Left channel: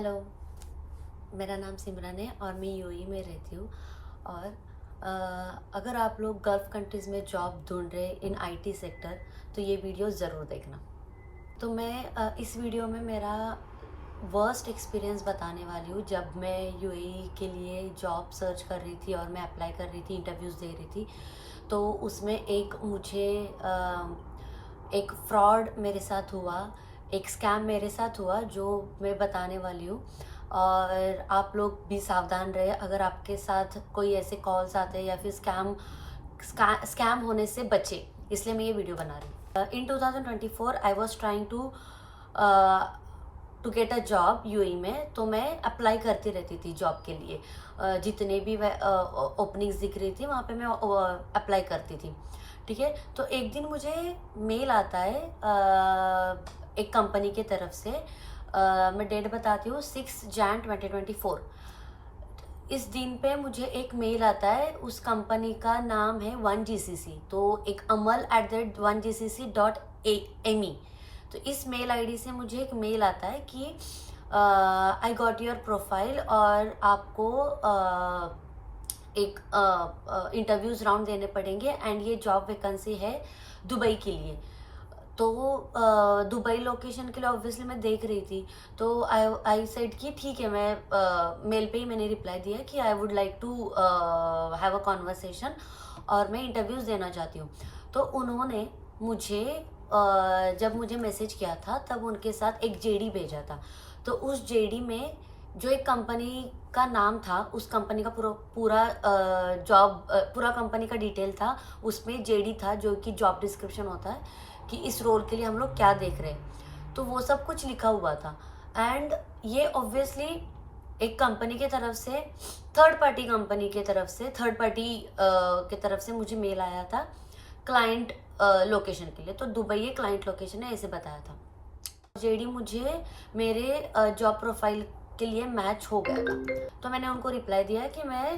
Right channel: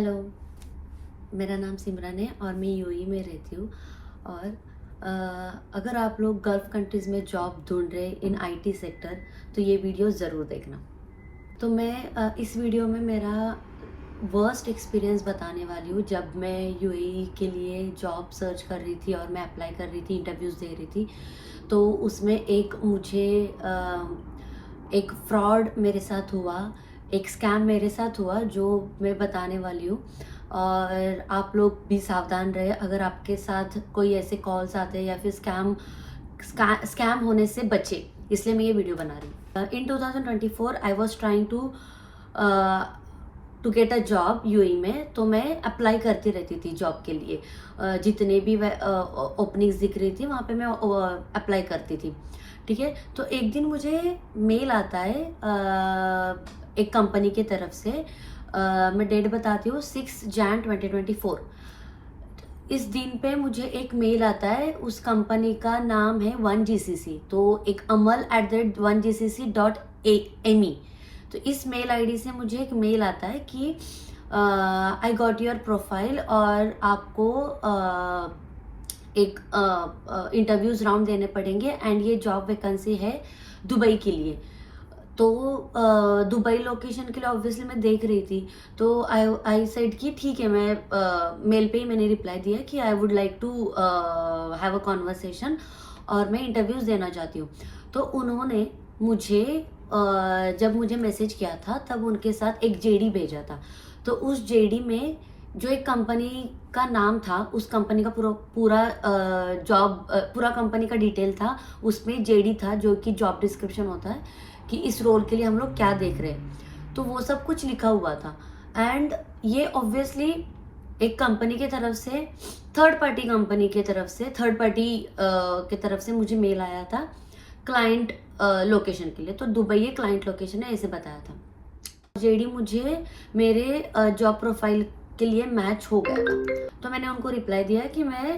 Hello, मेरा नाम सिमरन है और मैं यूएई में रहती हूँ। और अगर आप लोग गल्फ़ कंट्रीज़ में जॉब ढूँढ रहे इन आईटी सेक्टर, तो ये वीडियो ज़रूर देखना। तो मैं इस वीडियो में मेरा वर्स्ट एक्सपीरियंस बताने वाली हूँ जब मैं यूएई के लिए जॉब सर्च कर रही थी और मैं अप्लाई कर रही थी, इंटरव्यूज़ दे रही थी। तो उसमें एक फ्रॉड मेरे साथ हुआ, एक स्कैम मेरे साथ हुआ जो मैं बताने वाली हूँ। और आप लोग भी सावधान रहे अगर आपके साथ कोई ऐसे कॉल्स आते हैं या फिर स्कैम होने से बचे, इसलिए मैं ये वीडियो बना रही हूँ। In 2024 I was trying to get a job UAE में। तो मैं अप्लाई करती रहती थी जॉब के लिए। जितने भी ओपनिंग्स दिख रही थी वहाँ पे मैं अप्लाई करती थी। ठीक है, तो एक दिन मुझे मेल आता है एक कंपनी की तरफ से। मैं डेट बताती हूँ, 6 जैन 2024। इस दिन पे मुझे एक मेल आता है, उस कंपनी का नाम है 1GCC। तो एक amal@1gcc.me। तो इस मेल आईडी से मुझे एक मेल आता है कि आई गॉट योर प्रोफाइल और आपको एक इंटरव्यूज राउंड देने पड़ेंगे एंड ये जॉब वैकेंसी है दुबई के लिए। तो दुबई लोकेशन के लिए ऑब्वियसली मैं देख रही थी। तो आई सेड कि ठीक है, मैं मेल पे ही मैंने रिप्लाई दिया कि I would like to have a conversation और मैं इंटरव्यूज देना चाहती हूँ। तो उन्होंने मुझे जब मुझे मैसेज किया था तब उनके साथ एक जेडी भेजा था। तो उस जेडी में जो एक कंपनी का नाम था, उस कंपनी का पूरा कंपनी का डिटेल था। उसमें जेडी था जो कि जॉब डिस्क्रिप्शन होता है कि इस रोल के लिए हम लोग क्या देख रहे हैं, तो वो सब कुछ लिखा हुआ था। एंड ये ऑब्वियसली एक कंपनी की तरफ से, थर्ड पार्टी कंपनी की तरफ से, थर्ड पार्टी की तरफ से मुझे मेल आया था क्लाइंट लोकेशन के लिए। तो दुबई एक क्लाइंट लोकेशन है, ऐसे बताया था। जेडी मुझे मेरे जॉब प्रोफाइल के लिए मैच हो गया था। तो मैंने उनको रिप्लाई दिया कि मैं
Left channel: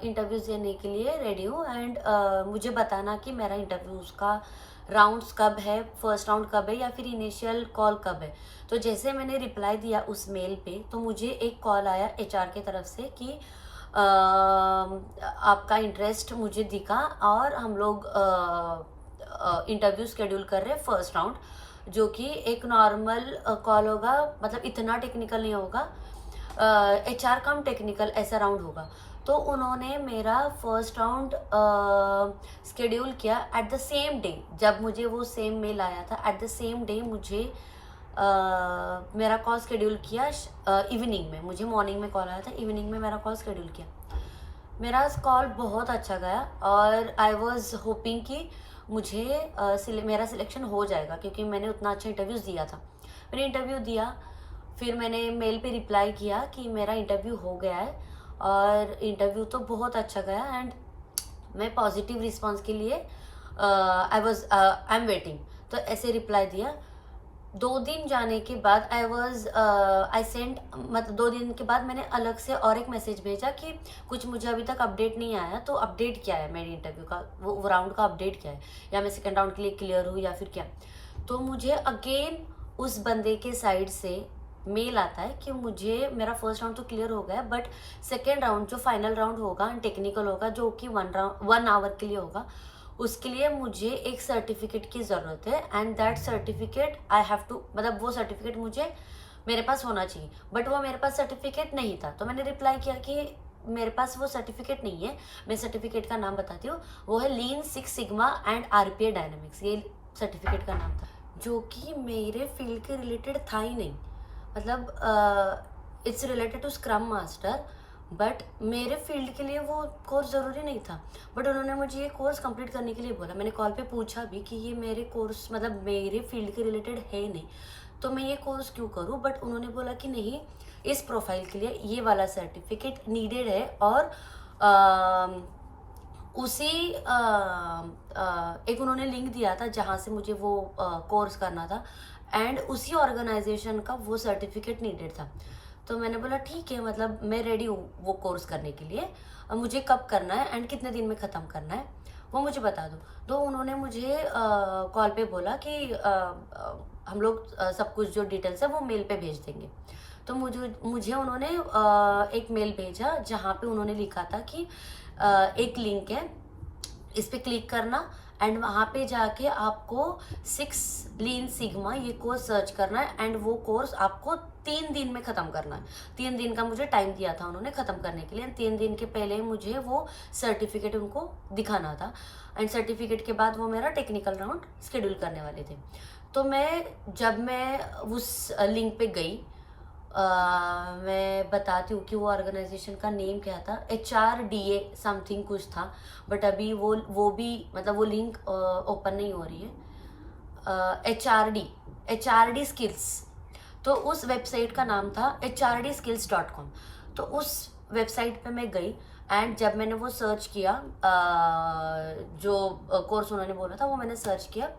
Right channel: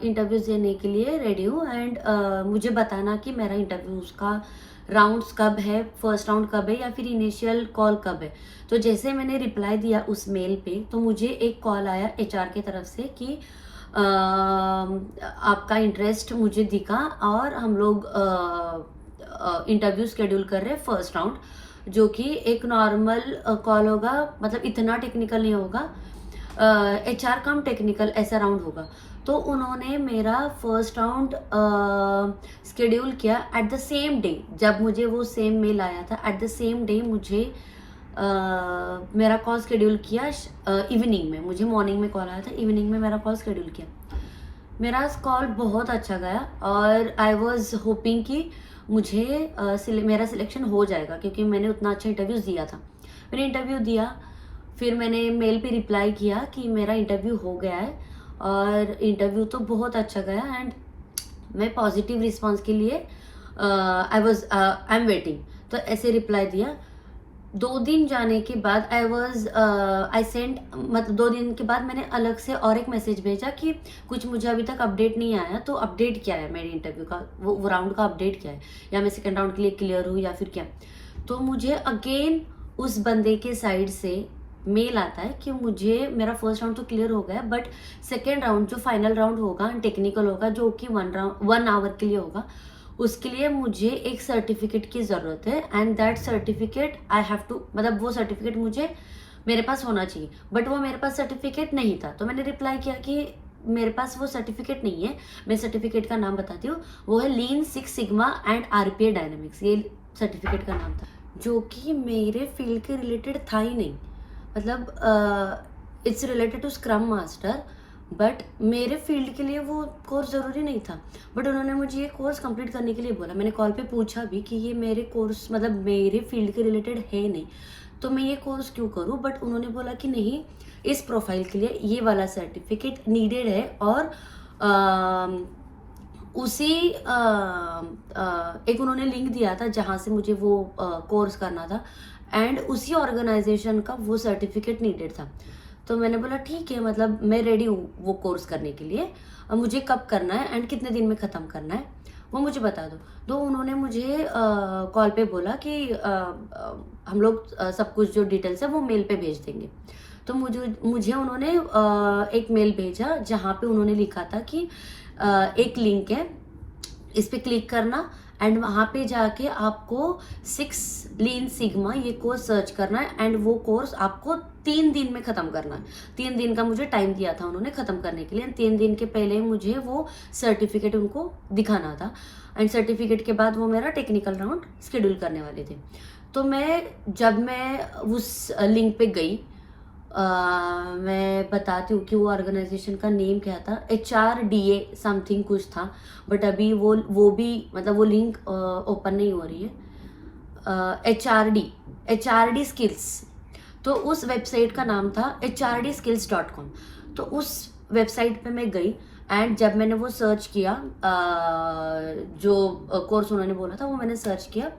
इंटरव्यूज देने के लिए रेडी हूँ एंड मुझे बताना कि मेरा इंटरव्यूज का राउंड्स कब है, फर्स्ट राउंड कब है या फिर इनिशियल कॉल कब है। तो जैसे मैंने रिप्लाई दिया उस मेल पे, तो मुझे एक कॉल आया एचआर की तरफ से कि आपका इंटरेस्ट मुझे दिखा और हम लोग इंटरव्यू शेड्यूल कर रहे हैं फर्स्ट राउंड, जो कि एक नॉर्मल कॉल होगा, मतलब इतना टेक्निकल नहीं होगा, एचआर कम टेक्निकल ऐसा राउंड होगा। तो उन्होंने मेरा फर्स्ट राउंड शेड्यूल किया एट द सेम डे। जब मुझे वो सेम मेल आया था, एट द सेम डे मुझे मेरा कॉल शेड्यूल किया। इवनिंग में, मुझे मॉर्निंग में कॉल आया था, इवनिंग में मेरा कॉल शेड्यूल किया। मेरा कॉल बहुत अच्छा गया और आई वॉज होपिंग कि मुझे मेरा सिलेक्शन हो जाएगा, क्योंकि मैंने उतना अच्छा इंटरव्यूज दिया था। मैंने इंटरव्यू दिया, फिर मैंने मेल पे रिप्लाई किया कि मेरा इंटरव्यू हो गया है और इंटरव्यू तो बहुत अच्छा गया एंड मैं पॉजिटिव रिस्पांस के लिए आई एम वेटिंग। तो ऐसे रिप्लाई दिया। 2 दिन जाने के बाद आई सेंड, मतलब 2 दिन के बाद मैंने अलग से और एक मैसेज भेजा कि कुछ मुझे अभी तक अपडेट नहीं आया, तो अपडेट क्या है मेरे इंटरव्यू का, वो राउंड का अपडेट क्या है, या मैं सेकेंड राउंड के लिए क्लियर हूँ या फिर क्या। तो मुझे अगेन उस बंदे के साइड से मेल आता है कि मुझे मेरा फर्स्ट राउंड तो क्लियर हो गया, बट सेकेंड राउंड जो फाइनल राउंड होगा, टेक्निकल होगा, जो कि 1 आवर के लिए होगा, उसके लिए मुझे एक सर्टिफिकेट की ज़रूरत है and that certificate I have to, मतलब वो सर्टिफिकेट मुझे मेरे पास होना चाहिए, बट वो मेरे पास सर्टिफिकेट नहीं था। तो मैंने रिप्लाई किया कि मेरे पास वो सर्टिफिकेट नहीं है। मैं सर्टिफिकेट का नाम बताती हूँ, वो है lean six sigma and RPA dynamics, ये सर्टिफिकेट का नाम था, जो कि मेरे फील्ड के रिलेटेड था ही नहीं। मतलब it's related to scrum master, but मेरे फील्ड के लिए वो कोर्स ज़रूरी नहीं था। बट उन्होंने मुझे ये कोर्स कंप्लीट करने के लिए बोला। मैंने कॉल पे पूछा भी कि ये मेरे कोर्स, मतलब मेरे फील्ड के रिलेटेड है नहीं, तो मैं ये कोर्स क्यों करूँ। बट उन्होंने बोला कि नहीं, इस प्रोफाइल के लिए ये वाला सर्टिफिकेट नीडेड है। और उसी एक उन्होंने लिंक दिया था जहाँ से मुझे वो कोर्स करना था एंड उसी ऑर्गेनाइजेशन का वो सर्टिफिकेट नीडेड था। तो मैंने बोला ठीक है, मतलब मैं रेडी हूँ वो कोर्स करने के लिए, मुझे कब करना है एंड कितने दिन में ख़त्म करना है वो मुझे बता दो। तो उन्होंने मुझे कॉल पे बोला कि हम लोग सब कुछ जो डिटेल्स है वो मेल पे भेज देंगे। तो मुझे उन्होंने एक मेल भेजा जहाँ पे उन्होंने लिखा था कि एक लिंक है, इस पे क्लिक करना एंड वहाँ पे जाके आपको 6 लीन सिग्मा ये कोर्स सर्च करना है एंड वो कोर्स आपको 3 दिन में ख़त्म करना है। 3 दिन का मुझे टाइम दिया था उन्होंने ख़त्म करने के लिए। 3 दिन के पहले मुझे वो सर्टिफिकेट उनको दिखाना था एंड सर्टिफिकेट के बाद वो मेरा टेक्निकल राउंड शेड्यूल करने वाले थे। तो जब मैं उस लिंक पे गई, मैं बताती हूँ कि वो ऑर्गेनाइजेशन का नेम क्या था, HRDA समथिंग कुछ था, बट अभी वो भी मतलब वो लिंक ओपन नहीं हो रही है। HRD स्किल्स, तो उस वेबसाइट का नाम था hrdskills.com। तो उस वेबसाइट पे मैं गई एंड जब मैंने वो सर्च किया, जो कोर्स उन्होंने बोला था वो मैंने सर्च किया।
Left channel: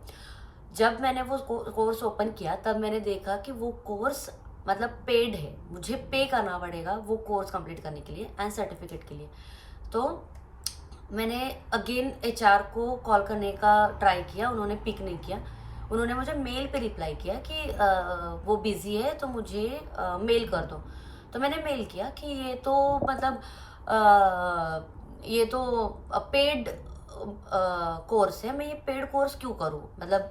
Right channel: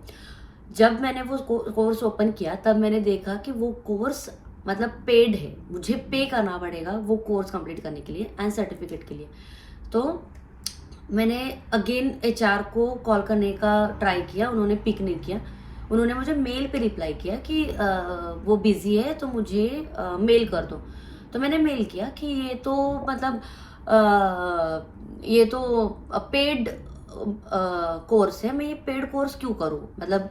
जब मैंने वो कोर्स ओपन किया तब मैंने देखा कि वो कोर्स मतलब पेड है, मुझे पे करना पड़ेगा वो कोर्स कंप्लीट करने के लिए एंड सर्टिफिकेट के लिए। तो मैंने अगेन HR को कॉल करने का ट्राई किया, उन्होंने पिक नहीं किया। उन्होंने मुझे मेल पे रिप्लाई किया कि वो बिजी है तो मुझे मेल कर दो। तो मैंने मेल किया कि ये तो मतलब ये तो पेड कोर्स है, मैं ये पेड कोर्स क्यों करूँ, मतलब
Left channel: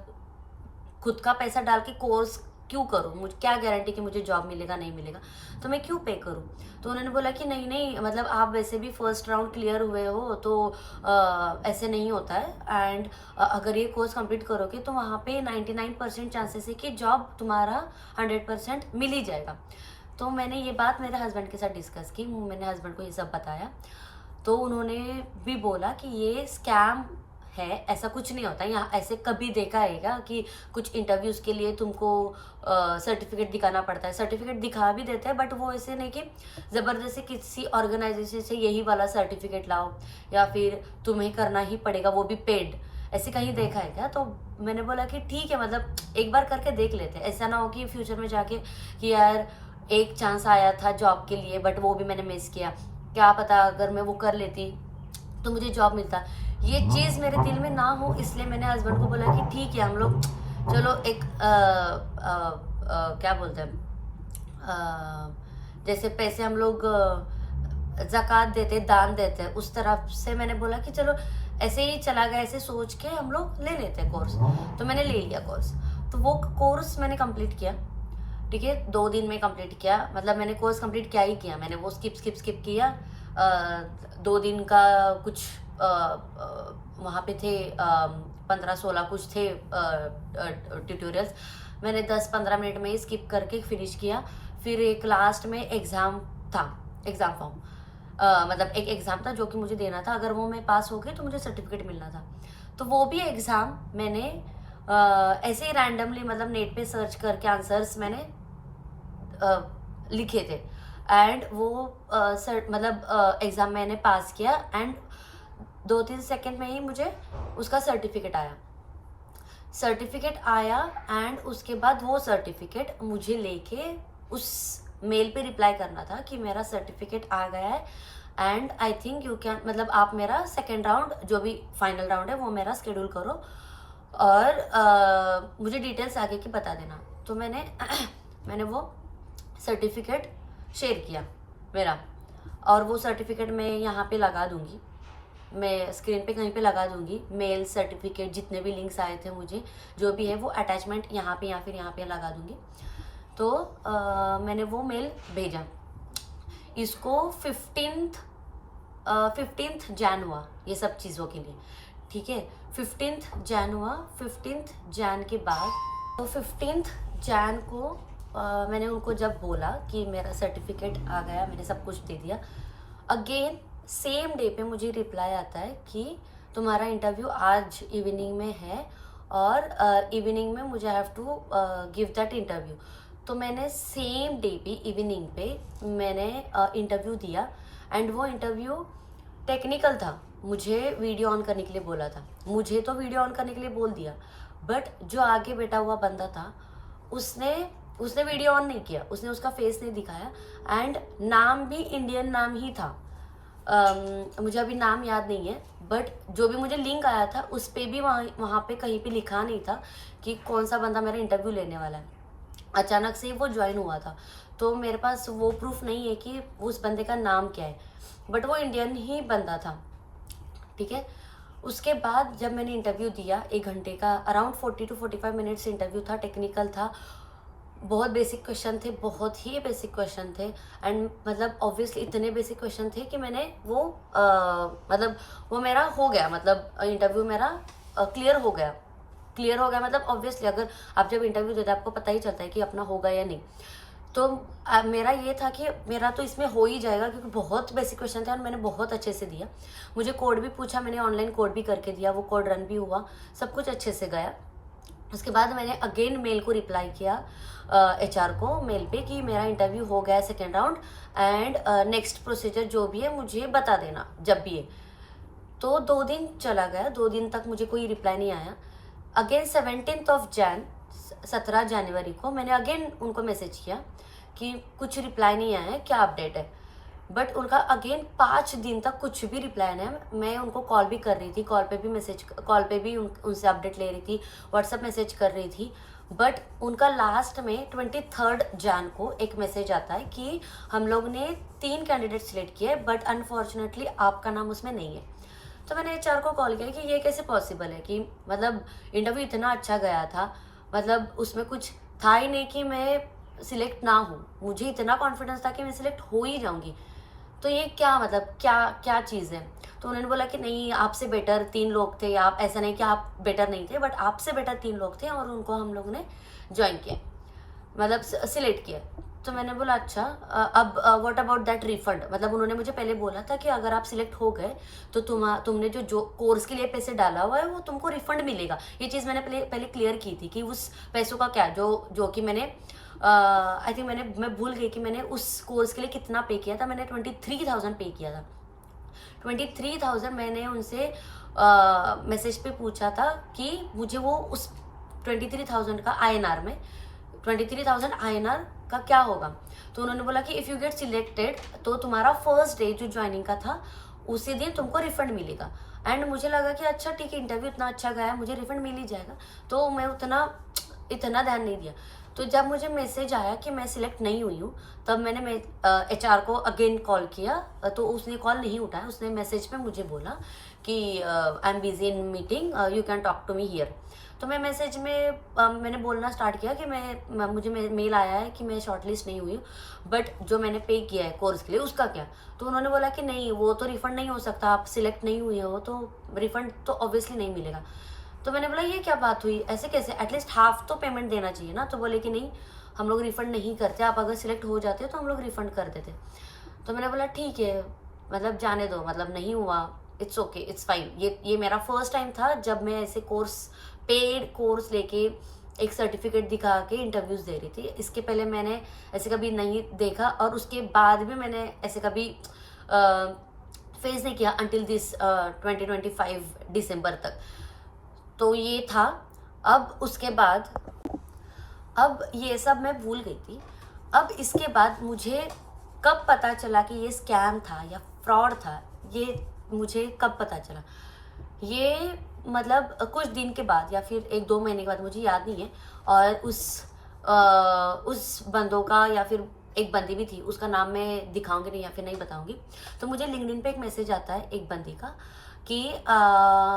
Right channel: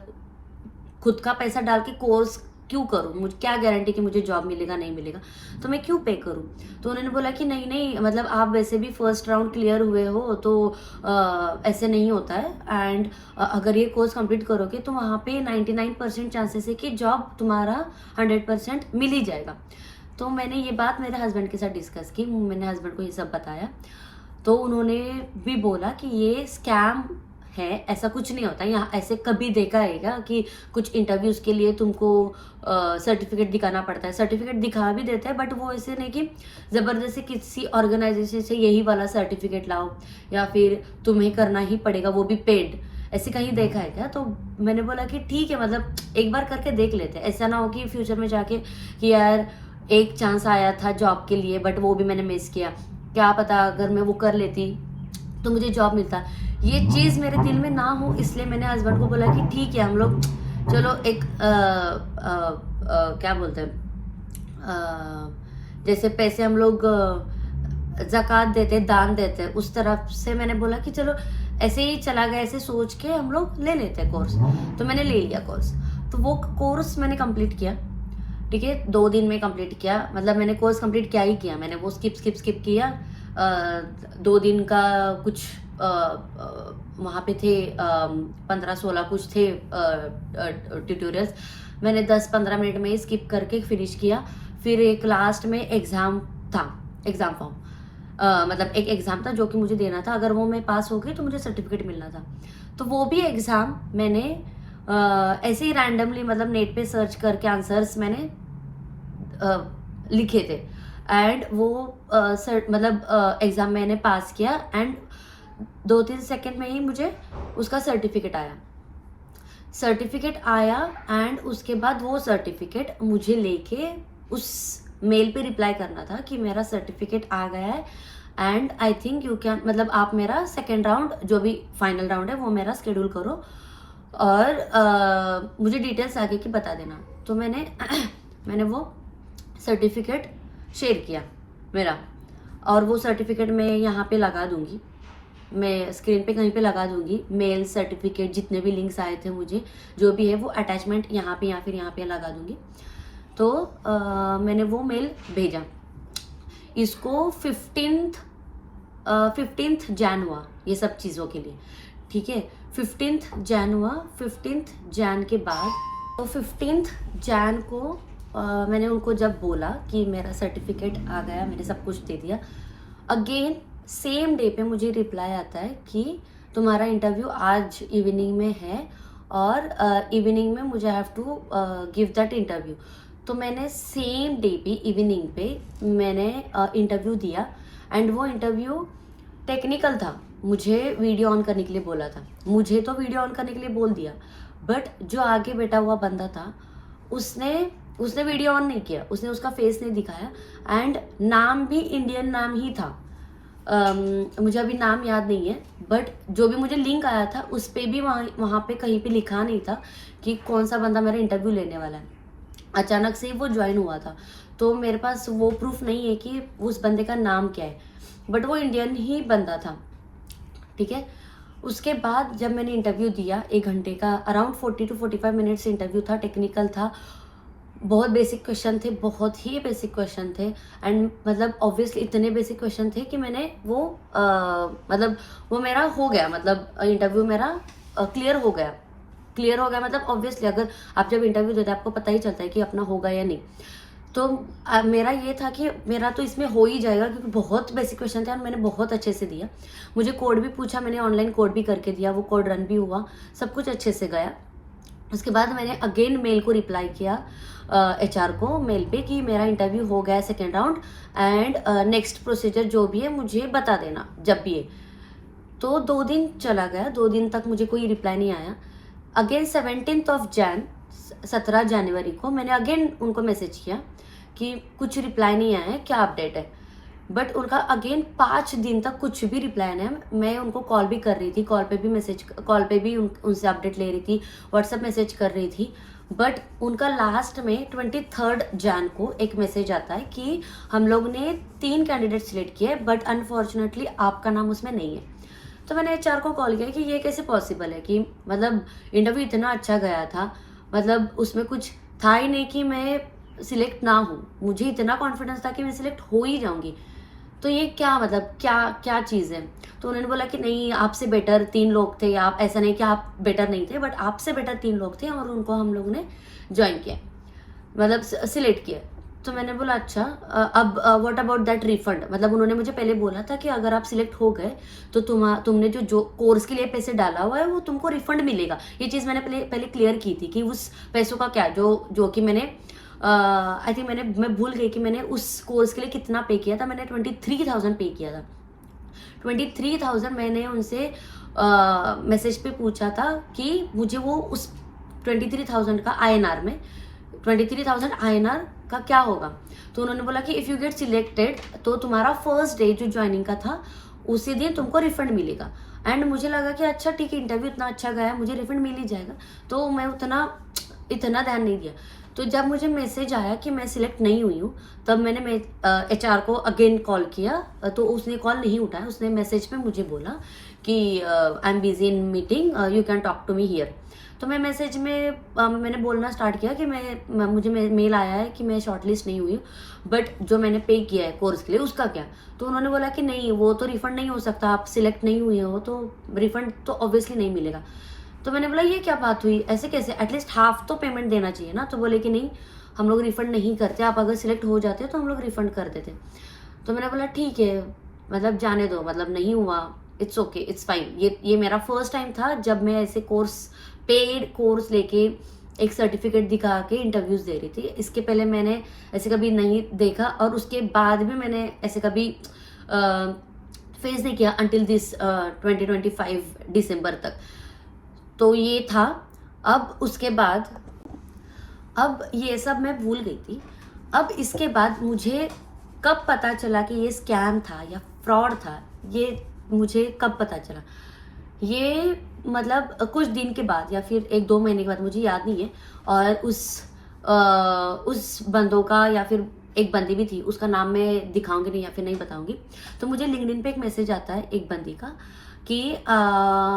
खुद का पैसा डाल के कोर्स क्यों करूँ, मुझे क्या गारंटी कि मुझे जॉब मिलेगा नहीं मिलेगा, तो मैं क्यों पे करूँ। तो उन्होंने बोला कि नहीं मतलब आप वैसे भी फर्स्ट राउंड क्लियर हुए हो तो ऐसे नहीं होता है एंड अगर ये कोर्स कंप्लीट करोगे तो वहाँ पे 99% चांसेस है कि जॉब तुम्हारा 100% मिल ही जाएगा। तो मैंने ये बात मेरे हस्बैंड के साथ डिस्कस की, मैंने हस्बैंड को ये सब बताया। तो उन्होंने भी बोला कि ये स्कैम है, ऐसा कुछ नहीं होता यहाँ, ऐसे कभी देखा है क्या कि कुछ इंटरव्यूज के लिए तुमको सर्टिफिकेट दिखाना पड़ता है। सर्टिफिकेट दिखा भी देते हैं बट वो ऐसे नहीं कि ज़बरदस्ती किसी ऑर्गेनाइजेशन से यही वाला सर्टिफिकेट लाओ या फिर तुम्हें करना ही पड़ेगा, वो भी पेड, ऐसे कहीं देखा है क्या। तो मैंने बोला कि ठीक है, मतलब एक बार करके देख लेते हैं, ऐसा ना हो कि फ्यूचर में जाके कि यार एक चांस आया था जॉब के लिए बट वो भी मैंने मिस किया, क्या पता अगर मैं वो कर लेती तो मुझे जॉब मिलता। ये चीज़ मेरे दिल में ना हो इसलिए मैंने हस्बैंड को बोला कि ठीक है हम लोग चलो एक क्या बोलते हैं, जैसे पैसे हम लोग ज़कात देते हैं, दान देते हैं, उस तरफ से मैंने बोला कि चलो ऐसे ही चला गया, ऐसे सोच के हम लोग ले लेते हैं कोर्स। तो मैंने ले लिया कोर्स। तो वो कोर्स मैंने कंप्लीट किया, ठीक है, 2 दिन में कंप्लीट किया, मतलब मैंने कोर्स कंप्लीट क्या ही किया, मैंने वो स्किप किया। 2 दिन का कुछ वहाँ पे थे 15-16 कुछ थे ट्यूटोरियल्स, मैंने 10-15 मिनट में ही स्किप करके फिनिश किया। फिर एक लास्ट में एग्ज़ाम था, एग्ज़ाम फॉर्म, मतलब एक एग्ज़ाम था जो कि मुझे देना था, अगर वो मैं पास हो गई तो मुझे सर्टिफिकेट मिलना था। तो वो भी एग्ज़ाम मैंने ऐसे ही रैंडमली मतलब नेट पे सर्च करके आंसर्स मैंने लिखे थे एंड वो मतलब एग्ज़ाम मैंने पास किया एंड 2-3 सेकंड में ही मुझे उसका सर्टिफिकेट आया एंड उसके बाद वो सर्टिफिकेट मुझे लेके उस मेल पे रिप्लाई करना था कि मेरा सर्टिफिकेट आ गया है and I think you can, मतलब आप मेरा सेकेंड राउंड जो भी फाइनल राउंड है वो मेरा शेड्यूल करो और मुझे डिटेल्स आगे की बता देना। तो मैंने वो सर्टिफिकेट शेयर किया मेरा, और वो सर्टिफिकेट मैं यहाँ पे लगा दूँगी, मैं स्क्रीन पे कहीं पे लगा दूँगी, मेल सर्टिफिकेट जितने भी लिंक्स आए थे मुझे जो भी है वो अटैचमेंट यहाँ पे या फिर यहाँ पे लगा दूँगी। तो मैंने वो मेल भेजा, इसको 15th जैन हुआ ये सब चीज़ों के लिए, ठीक है, 15th जैन हुआ। 15th जैन के बाद तो 15th जैन को मैंने उनको जब बोला कि मेरा सर्टिफिकेट आ गया, मैंने सब कुछ दे दिया, अगेन सेम डे पे मुझे रिप्लाई आता है कि तुम्हारा इंटरव्यू आज इवनिंग में है और इवनिंग में मुझे have to give that interview. तो मैंने सेम डे पे इवनिंग पे मैंने इंटरव्यू दिया एंड वो इंटरव्यू टेक्निकल था, मुझे वीडियो ऑन करने के लिए बोला था, मुझे तो वीडियो ऑन करने के लिए बोल दिया, बट जो आगे बैठा हुआ बंदा था उसने वीडियो ऑन नहीं किया, उसने उसका फेस नहीं दिखाया एंड नाम भी इंडियन नाम ही था। मुझे अभी नाम याद नहीं है बट जो भी मुझे लिंक आया था उस पर भी वहाँ पे कहीं पे लिखा नहीं था कि कौन सा बंदा मेरा इंटरव्यू लेने वाला है। अचानक से वो ज्वाइन हुआ था। तो तो मेरे पास वो प्रूफ नहीं है कि उस बंदे का नाम क्या है, बट वो इंडियन ही बंदा था, ठीक है। उसके बाद जब मैंने इंटरव्यू दिया 1 घंटे का, अराउंड 40 to 45 मिनट्स इंटरव्यू था, टेक्निकल था, बहुत बेसिक क्वेश्चन थे, बहुत ही बेसिक क्वेश्चन थे। एंड मतलब ऑब्वियसली इतने बेसिक क्वेश्चन थे कि मैंने वो मतलब वो मेरा हो गया, मतलब इंटरव्यू मेरा क्लियर हो गया। क्लियर हो गया मतलब ऑब्वियसली अगर आप जब इंटरव्यू देते हैं आपको पता ही चलता है कि अपना होगा या नहीं। तो मेरा ये था कि मेरा तो इसमें हो ही जाएगा, क्योंकि बहुत बेसिक क्वेश्चन थे और मैंने बहुत अच्छे से दिया। मुझे कोड भी पूछा, मैंने ऑनलाइन कोड भी करके दिया, वो कोड रन भी हुआ, सब कुछ अच्छे से गया। उसके बाद मैंने अगेन मेल को रिप्लाई किया, HR को मेल पे, कि मेरा इंटरव्यू हो गया second round, and next procedure जो भी है मुझे बता देना जब भी है। तो 2 दिन चला गया, 2 दिन तक मुझे कोई रिप्लाई नहीं आया। अगेन 17 जनवरी को मैंने अगेन उनको मैसेज किया कि कुछ रिप्लाई नहीं आया है, क्या अपडेट है। बट उनका अगेन 5 दिन तक कुछ भी रिप्लाई नहीं है। मैं उनको कॉल भी कर रही थी, कॉल पे भी उनसे अपडेट ले रही थी, व्हाट्सएप मैसेज कर रही थी। बट उनका लास्ट में 23 जन को एक मैसेज आता है कि हम लोग ने 3 कैंडिडेट सिलेक्ट किए, बट अनफॉर्चुनेटली आपका नाम उसमें नहीं है। तो मैंने HR को कॉल किया कि ये कैसे पॉसिबल है, कि मतलब इंटरव्यू इतना अच्छा गया था, मतलब उसमें कुछ था ही नहीं कि मैं सिलेक्ट ना हूँ, मुझे इतना कॉन्फिडेंस था कि मैं सिलेक्ट हो ही जाऊंगी। तो ये क्या मतलब क्या क्या चीज़ है। तो उन्होंने बोला कि नहीं, आपसे बेटर 3 लोग थे, आप ऐसा नहीं कि आप बेटर नहीं थे, बट आपसे बेटर 3 लोग थे और उनको हम लोगों ने ज्वाइन किया, मतलब सिलेक्ट किया। तो मैंने बोला अच्छा, अब व्हाट अबाउट दैट रिफंड। मतलब उन्होंने मुझे पहले बोला था कि अगर आप सिलेक्ट हो गए तो तुमने जो कोर्स के लिए पैसे डाला हुआ है वो तुमको रिफंड मिलेगा। ये चीज़ मैंने पहले क्लियर की थी कि उस पैसों का क्या, जो कि मैंने आई थिंक मैं भूल गई कि मैंने उस कोर्स के लिए कितना पे किया था। मैंने 23,000 पे किया था। 23,000 मैंने उनसे मैसेज पे पूछा था कि मुझे वो उस 23,000 का INR में 23,000 INR का क्या होगा। तो उन्होंने बोला कि इफ़ यू गेट सिलेक्टेड तो तुम्हारा फर्स्ट डे जो ज्वाइनिंग का था उसी दिन तुमको रिफंड मिलेगा। एंड मुझे लगा कि अच्छा ठीक है, इंटरव्यू इतना अच्छा गया, मुझे रिफंड मिल ही जाएगा। तो मैं इतना ध्यान नहीं दिया। तो जब मुझे मैसेज आया कि मैं सिलेक्ट नहीं हुई हूँ, तब मैंने HR को अगेन कॉल किया, तो उसने कॉल नहीं उठाया। उसने मैसेज पे मुझे बोला कि I am busy in meeting, you can talk to me here. तो मैं मैसेज में मैंने बोलना स्टार्ट किया कि मुझे मेल आया है कि मैं शॉर्टलिस्ट नहीं हुई हूँ, बट जो मैंने पे किया है कोर्स के लिए उसका क्या। तो उन्होंने बोला कि नहीं, वो तो रिफंड नहीं हो सकता, आप सिलेक्ट नहीं हुए हो तो रिफंड तो ऑब्वियसली नहीं मिलेगा। तो मैंने बोला ये क्या बात हुई, ऐसे कैसे, एटलीस्ट हाफ तो पेमेंट देना चाहिए ना। तो बोले कि नहीं, हम लोग रिफंड नहीं करते, आप अगर सिलेक्ट हो जाते तो हम लोग रिफंड कर देते। तो मैंने बोला ठीक है, मतलब जाने दो, मतलब नहीं हुआ, इट्स ओके, इट्स फाइन। ये मेरा फर्स्ट टाइम था जब मैं ऐसे पेड कोर्स लेके एक सर्टिफिकेट दिखा के इंटरव्यूज दे रही थी। इसके पहले मैंने ऐसे कभी नहीं देखा, और उसके बाद भी मैंने ऐसे कभी फेस नहीं किया अंटिल दिस 2025 दिसंबर तक। तो ये था। अब उसके बाद, अब ये सब मैं भूल गई थी। अब इसके बाद मुझे कब पता चला कि ये स्कैम था या फ्रॉड था, ये मुझे कब पता चला, ये मतलब कुछ दिन के बाद या फिर 1-2 महीने के बाद, मुझे याद नहीं है। और उस बंदों का, या फिर एक बंदी भी थी, उसका नाम मैं दिखाऊंगी नहीं या फिर नहीं बताऊंगी। तो मुझे लिंक्डइन पे एक मैसेज आता है एक बंदी का कि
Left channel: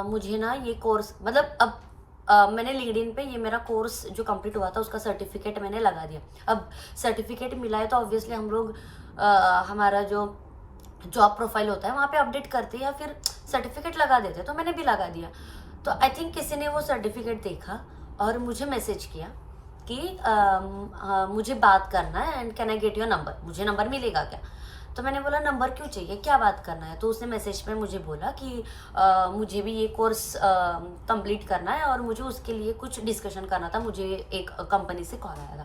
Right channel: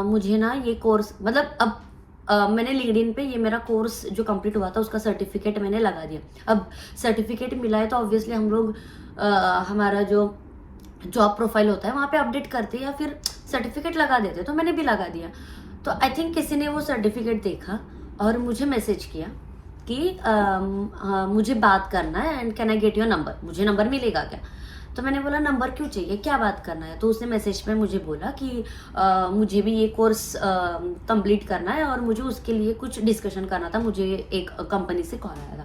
मुझे ना ये कोर्स, मतलब अब मैंने लिंक्डइन पे ये मेरा कोर्स जो कंप्लीट हुआ था उसका सर्टिफिकेट मैंने लगा दिया। अब सर्टिफिकेट मिला है तो ऑब्वियसली हम लोग हमारा जो जॉब प्रोफाइल होता है वहाँ पे अपडेट करते या फिर सर्टिफिकेट लगा देते, तो मैंने भी लगा दिया। तो आई थिंक किसी ने वो सर्टिफिकेट देखा और मुझे मैसेज किया कि मुझे बात करना है and can I get your number, मुझे नंबर मिलेगा क्या। तो मैंने बोला नंबर क्यों चाहिए, क्या बात करना है। तो उसने मैसेज में मुझे बोला कि मुझे भी ये कोर्स कंप्लीट करना है और मुझे उसके लिए कुछ डिस्कशन करना था, मुझे एक कंपनी से कॉल आया था।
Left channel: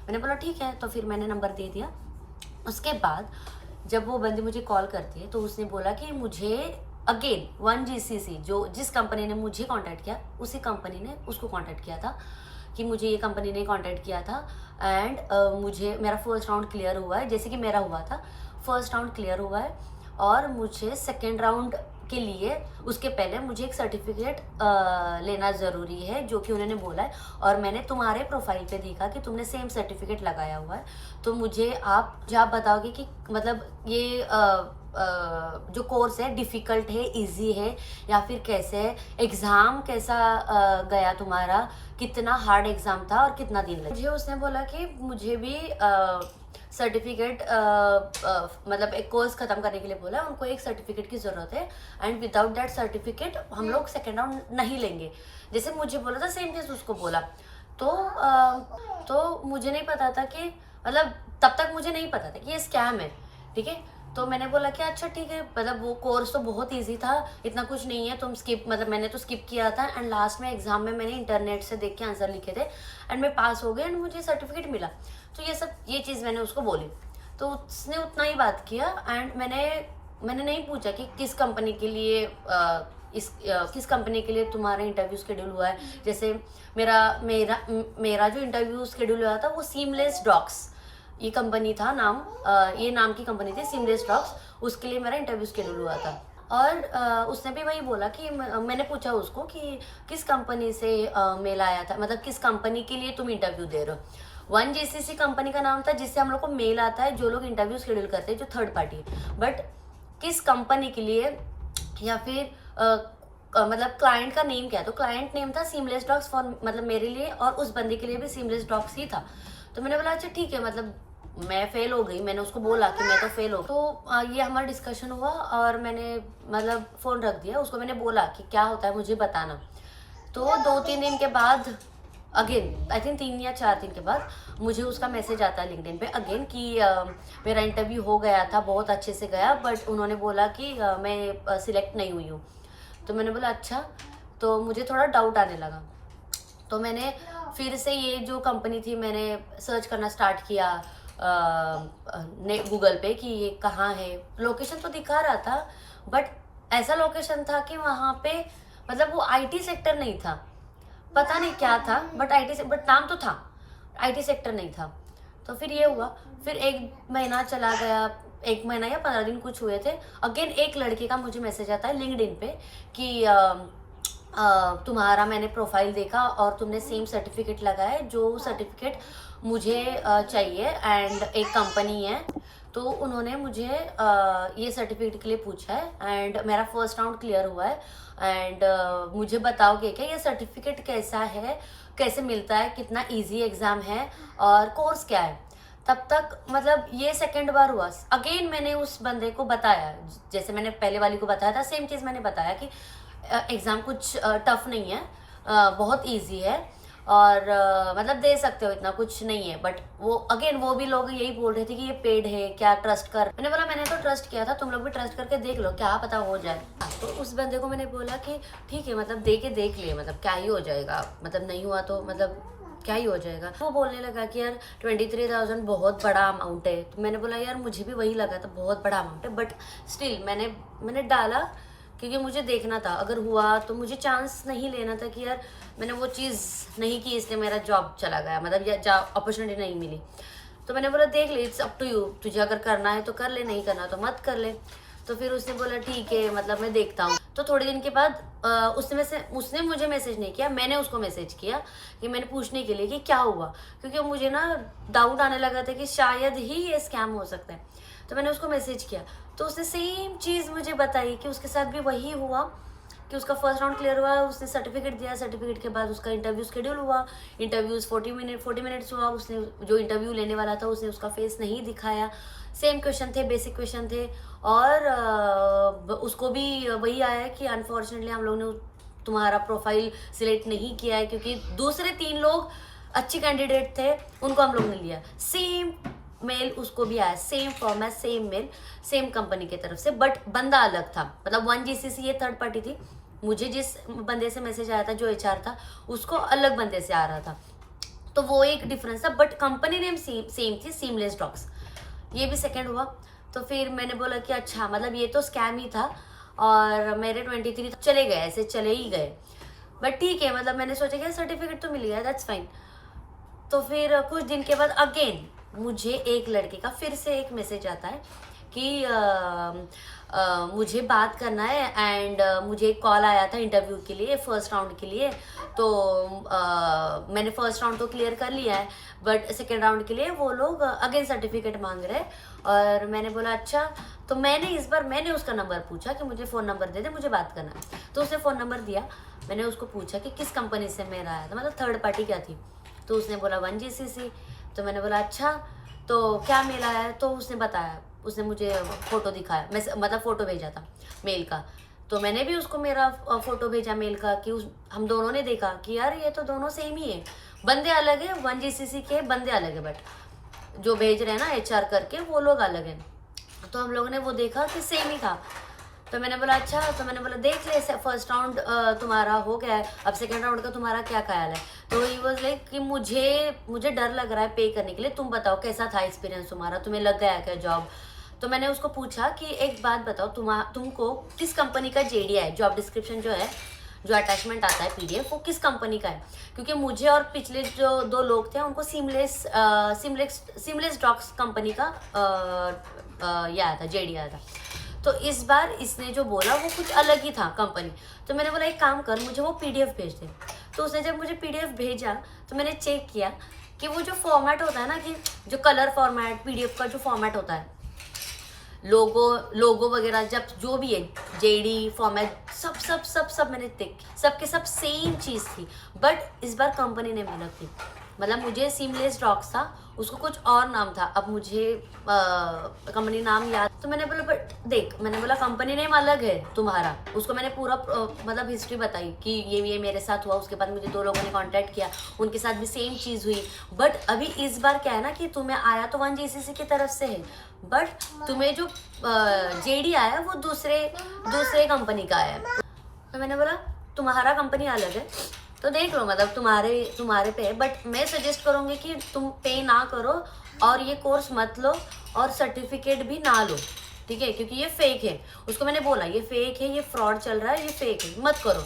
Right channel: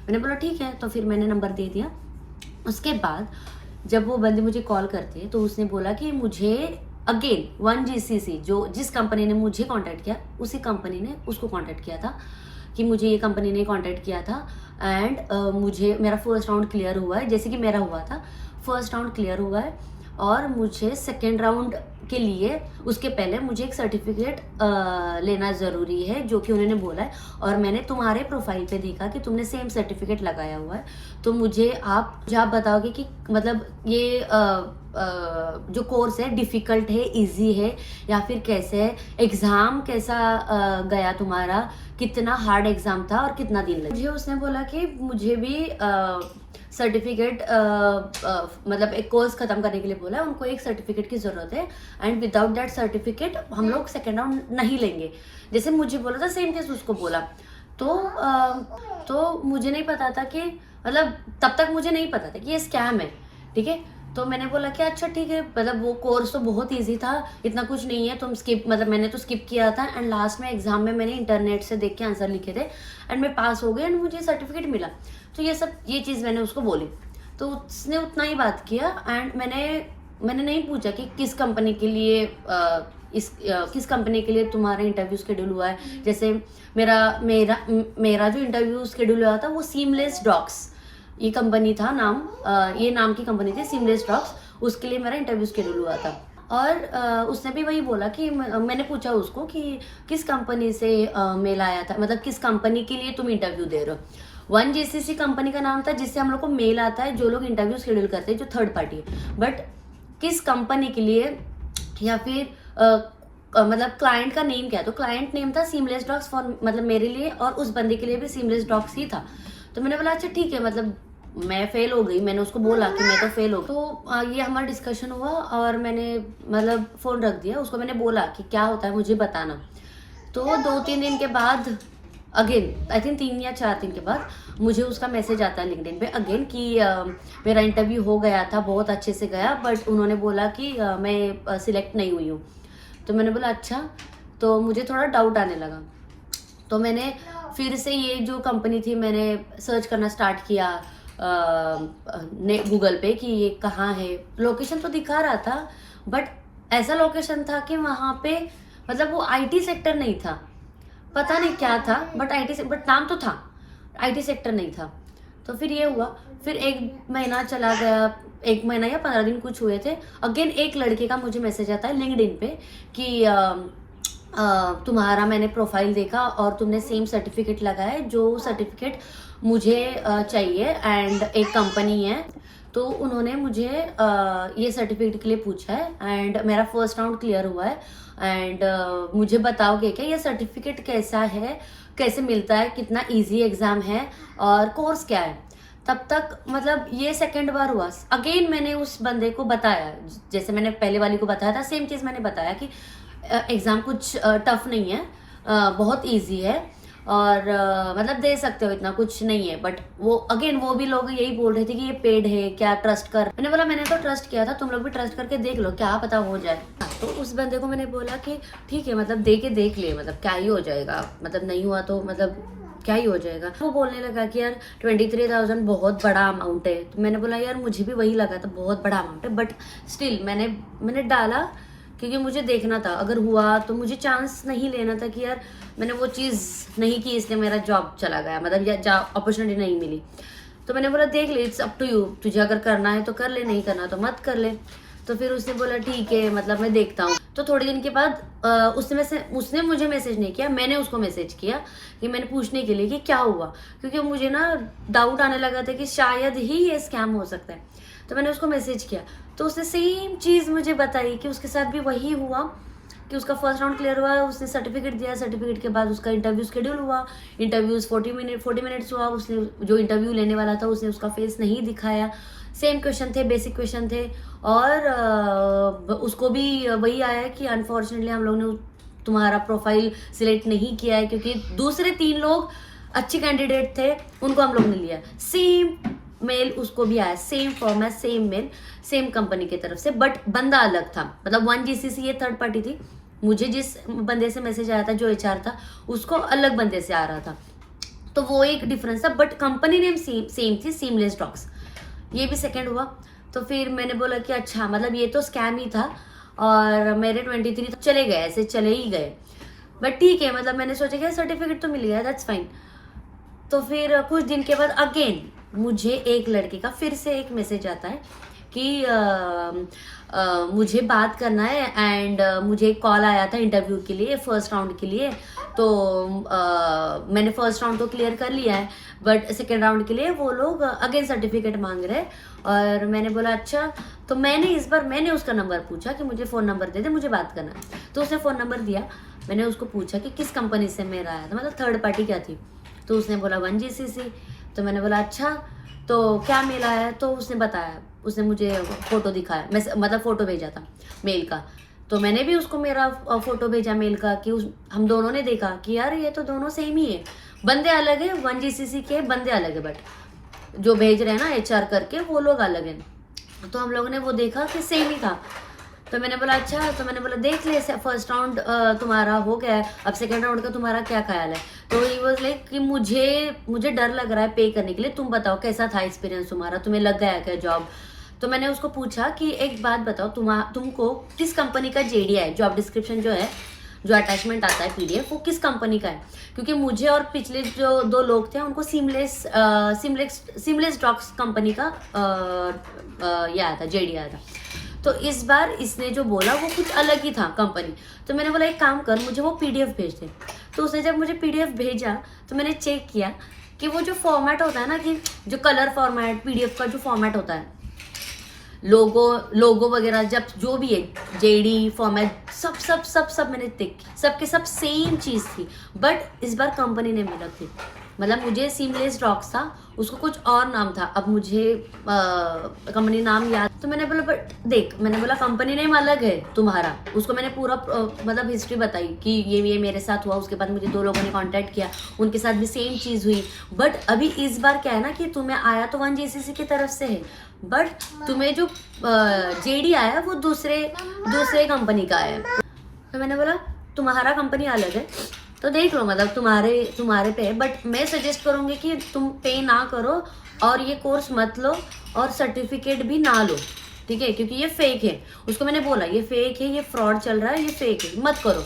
मैंने बोला ठीक है, तो फिर मैंने नंबर दे दिया। उसके बाद जब वो बंदी मुझे कॉल करती है तो उसने बोला कि मुझे अगेन 1GCC, जिस कंपनी ने मुझे कांटेक्ट किया उसी कंपनी ने उसको कांटेक्ट किया था, कि मुझे ये कंपनी ने कांटेक्ट किया था एंड मुझे मेरा फर्स्ट राउंड क्लियर हुआ है, जैसे कि मेरा हुआ था, फर्स्ट राउंड क्लियर हुआ है और मुझे सेकेंड राउंड के लिए उसके पहले मुझे एक सर्टिफिकेट लेना ज़रूरी है, जो कि उन्होंने बोला है। और मैंने तुम्हारे प्रोफाइल पे देखा कि तुमने सेम सर्टिफिकेट लगाया हुआ है, तो मुझे आप बताओगे कि मतलब ये जो कोर्स है डिफ़िकल्ट है, इजी है, या फिर कैसे है, एग्ज़ाम कैसा गया तुम्हारा, कितना हार्ड एग्ज़ाम था और कितना दिन लगा। मुझे उसने बोला कि मुझे भी सर्टिफिकेट मतलब एक कोर्स ख़त्म करने के लिए बोला है, उनको एक सर्टिफिकेट की ज़रूरत है, एंड विदाउट दैट सर्टिफिकेट हम लोग सेकेंड राउंड नहीं लेंगे। जैसे मुझे बोला था सेम चीज़ उसको बोला। तो मुझे नहीं पता था कि मतलब तब तक मुझे नहीं पता था कि ये स्कैम है, ठीक है। तो मैंने बोला कि अच्छा ठीक है, मतलब वो कोर्स तो बहुत इजी था, इतना कुछ नहीं है, तुम स्किप, मतलब मैंने तो स्किप किया था, एंड लास्ट में एग्जाम में मैंने इंटरनेट से देख के आंसर लिखे थे, एंड मैं पास हो गई, एंड मुझे सर्टिफिकेट मिला। तो ये चीज़ मैंने उसको बोली, तो उसने उतना ही बात किया। एंड मैंने नहीं पूछा कि किस कंपनी के लिए किस कंपनी के लिए तुम्हारा इंटरव्यू शेड्यूल हुआ है। जैसे मेरा जो इंटरव्यू शेड्यूल हुआ था वो सीमलेस डॉक्स, ये कंपनी था नाम, ये नाम की कंपनी थी सीमलेस डॉक्स, उसके लिए मेरा इंटरव्यू शेड्यूल हुआ था। और उसने भी वही बोला कि मैंने पूछा उसको कि किस कंपनी से मेल आया था, मतलब किस कंपनी के लिए तुम इंटरव्यू दे रहे हो। 1GCC कंपनी का नाम था जिससे हम लोग को मेल आता है, जो लोग इंटरव्यू शेड्यूल करते हैं, जो थर्ड पार्टी है। बट किस कंपनी के लिए, या फिर मतलब क्लाइंट का नेम क्या है, तो क्लाइंट नेम था सीमलेस डॉक्स फॉर, मतलब मेरे लिए और उस बंदे के लिए भी सीमलेस डॉक्स ही था। तो मैंने बोला अच्छा ठीक है, मतलब मैं फेल हो गई, मैंने उसको बोला कि मैं तो फेल हो गई। तो ये हमारा डिस्कशन हुआ और मैंने मतलब फ़ोन रख दिया। उसको मैंने बोला कि क्या होता है मुझे बताना। तो 2-3 दिन के बाद अगेन, आई थिंक 3 या 4 दिन के बाद मुझे उसका मैसेज आता है लिंक्डइन पे अगेन कि मेरा इंटरव्यू हो गया था, बहुत अच्छे से गया, बट उन्होंने बोला कि मैं सिलेक्ट नहीं हुई हूँ। तो मैंने बोला अच्छा, तो मुझे थोड़ा डाउट आने लगा। तो मैंने फिर से ये जो कंपनी थी मैंने सर्च करना स्टार्ट किया गूगल पे कि ये कहाँ है। लोकेशन तो दिखा रहा था, बट ऐसा लोकेशन था कि वहाँ पे मतलब वो आईटी सेक्टर नहीं था, पता नहीं क्या था, बट नाम तो था, आईटी सेक्टर नहीं था। तो फिर ये हुआ, फिर 1 महीना चला गया, 1 महीना या 15 दिन कुछ हुए थे। अगेन एक लड़के का मुझे मैसेज आता है लिंक्डइन पे कि तुम्हारा मैंने प्रोफाइल देखा और तुमने सेम सर्टिफिकेट लगाया है, जो सर्टिफिकेट मुझे चाहिए, एंड एक कंपनी है तो उन्होंने मुझे ये सर्टिफिकेट के लिए पूछा है, एंड मेरा फर्स्ट राउंड क्लियर हुआ है, एंड मुझे बताओगे क्या ये सर्टिफिकेट कैसा है, कैसे मिलता है, कितना इजी एग्ज़ाम है और कोर्स क्या है। तब तक मतलब ये सेकंड बार हुआ। अगेन मैंने उस बंदे को बताया, जैसे मैंने पहले वाली को बताया था, सेम चीज़ मैंने बताया कि एग्ज़ाम कुछ टफ नहीं है, बहुत इजी है, और मतलब दे सकते हो, इतना कुछ नहीं है। बट वो भी लोग यही बोल रहे थे कि ये पेड है, क्या ट्रस्ट कर। मैंने बोला मैंने तो ट्रस्ट किया था, तुम लोग भी ट्रस्ट करके देख लो, क्या पता हो जाए। तो उस बंदे को मैंने बोला कि ठीक है, मतलब दे के देख ले, मतलब क्या ही हो जाएगा, मतलब नहीं हुआ तो मतलब क्या ही हो जाएगा। वो बोलने लगा कि यार 23,000 बहुत बड़ा अमाउंट है। तो मैंने बोला यार मुझे भी वही लगा था, बहुत बड़ा अमाउंट है, बट स्टिल मैंने डाला क्योंकि मुझे देखना था, अगर हुआ तो मुझे चांस नहीं लेना था कि यार मैंने वो चीज़ नहीं की इसलिए मेरा जॉब चला गया, मतलब या अपॉर्चुनिटी नहीं मिली। तो मैंने बोला देख ले, इट्स अप टू यू, तुझे अगर करना है तो कर ले, नहीं करना तो मत कर ले। तो फिर उसने बोला ठीक है, मतलब मैं देखता हूँ। तो थोड़े दिन के बाद उसने मुझे मैसेज नहीं किया, मैंने उसको मैसेज किया कि मैंने पूछने के लिए कि क्या हुआ, क्योंकि मुझे ना डाउट आने लगा था कि शायद ही ये स्कैम हो सकता है। तो मैंने उसको मैसेज किया, तो उसने सेम चीज़ मुझे बताई कि उसके साथ भी वही हुआ कि उसका फर्स्ट राउंड क्लियर हुआ, उसने सर्टिफिकेट दिया, सर्टिफिकेट के बाद उसका इंटरव्यू शेड्यूल हुआ, इंटरव्यूज 40 मिनट्स हुआ, उसने जो इंटरव्यू लेने वाला था उसने उसका फेस नहीं दिखाया, सेम क्वेश्चन थे, बेसिक क्वेश्चन थे, और उसको भी वही आया कि अनफॉर्चुनेटली हम लोग ने तुम्हारा प्रोफाइल सिलेक्ट नहीं किया है, क्योंकि दूसरे 3 लोग अच्छे कैंडिडेट थे, उनको हम लोग ने लिया। सेम मेल उसको भी आया, same format, same mail, same company की तरफ से, बट बंदा अलग था। मतलब 1GCC ये थर्ड पार्टी थी, मुझे जिस बंदे से मैसेज आया था जो HR था, उसको अलग बंदे से आ रहा था, तो वो एक डिफरेंस था, बट कंपनी नेम सेम थी, सीमलेस डॉक्स। ये भी सेकंड हुआ। तो फिर मैंने बोला कि अच्छा, मतलब ये तो स्कैम ही था, और मेरे 23 तो चले गए, ऐसे चले ही गए, बट ठीक है, मतलब मैंने सोचा कि सर्टिफिकेट तो मिल गया, दैट्स फाइन। तो फिर कुछ दिन के बाद अगेन मुझे एक लड़के का फिर से एक मैसेज आता है कि मुझे बात करना है एंड मुझे एक कॉल आया था इंटरव्यू के लिए, फर्स्ट राउंड के लिए। तो मैंने फर्स्ट राउंड तो क्लियर कर लिया है, बट सेकेंड राउंड के लिए वो लोग अगेन सर्टिफिकेट मांग रहे हैं। और मैंने बोला अच्छा। तो इस बार मैंने उसका नंबर पूछा कि मुझे फ़ोन नंबर दे दे, मुझे बात करना है। तो उसने फ़ोन नंबर दिया। मैंने उसको पूछा कि किस कंपनी से मेरा आया था, मतलब थर्ड पार्टी क्या थी। तो उसने बोला 1GCC। तो मैंने बोला अच्छा, तो क्या मेल आया है? तो उसने बताया, उसने मुझे फ़ोटो दिखाया, मतलब फ़ोटो भेजा था मेल का। तो मैंने भी उसको मेरा फ़ोटो भेजा मेल का कि हम दोनों ने देखा कि यार ये तो दोनों सेम ही है, बंदे अलग है, 1GCC के बंदे अलग है, बट जो भेज रहे हैं ना HR करके वो लोग अलग हैं। तो हम लोगों ने वो देखा कि सेम ही था। तो मैंने बोला अच्छा। तो मैंने बोला देख ले, फर्स्ट राउंड तुम्हारा हो गया है, अब सेकंड राउंड का तुम्हारा क्या ख्याल है? तो ही वाज लाइक कि मुझे डर लग रहा है पे करने के लिए, तुम बताओ कैसा था एक्सपीरियंस तुम्हारा, तुम्हें लग गया क्या जॉब? तो मैंने उसको पूछा कि एक बात बताओ, तुमको किस कंपनी का JD है, जॉब डिस्क्रिप्शन जो है, जो अटैचमेंट आता है PDF, वो किस कंपनी का है? क्योंकि मुझे और पिछले जो 2 लोग थे उनको सीमलेस डॉक्स कंपनी का ये आया था, JD आया था। तो इस बार इसने जो बोला वो कुछ अलग ही था कंपनी। तो मैंने बोला एक काम कर, मुझे वो PDF भेज दे। तो उसने जब मुझे PDF भेजा तो मैंने चेक किया कि वो जो फॉर्मेट होता है ना, कि जो कलर फॉर्मेट PDF का जो फॉर्मेट होता है, लोगो वगैरह, जब जो भी है JD फॉर्मेट, सब मैंने देख, सबके सब सेम चीज़ थी। बट इस बार कंपनी ने मिला थी, मतलब मुझे सीमलेस डॉक्स था, उसको कुछ और नाम था, अब मुझे कंपनी नाम याद। तो मैंने बोला बट देख, मैंने बोला कंपनी नेम अलग है तुम्हारा। उसको मैंने पूरा मतलब हिस्ट्री बताई कि ये मेरे साथ हुआ। उसके बाद मुझे 2 लोगों ने कांटेक्ट किया, उनके साथ भी सेम चीज़ हुई। बट अभी इस बार क्या है ना कि तुम्हें आया तो 1GCC की तरफ से है, बट तुम्हें जो JD आया वो दूसरे कंपनी का है। तो मैंने बोला तुम्हारा कंपनी अलग है तो देख लो, मतलब तुम्हारे पे है, बट मैं सजेस्ट करूँगी कि तुम पे ना करो और ये कोर्स मत लो और सर्टिफिकेट भी ना लो, ठीक है? क्योंकि ये फेक है। उसको मैंने बोला ये फेक है, ये फ्रॉड चल रहा है, ये फेक है, मत करो।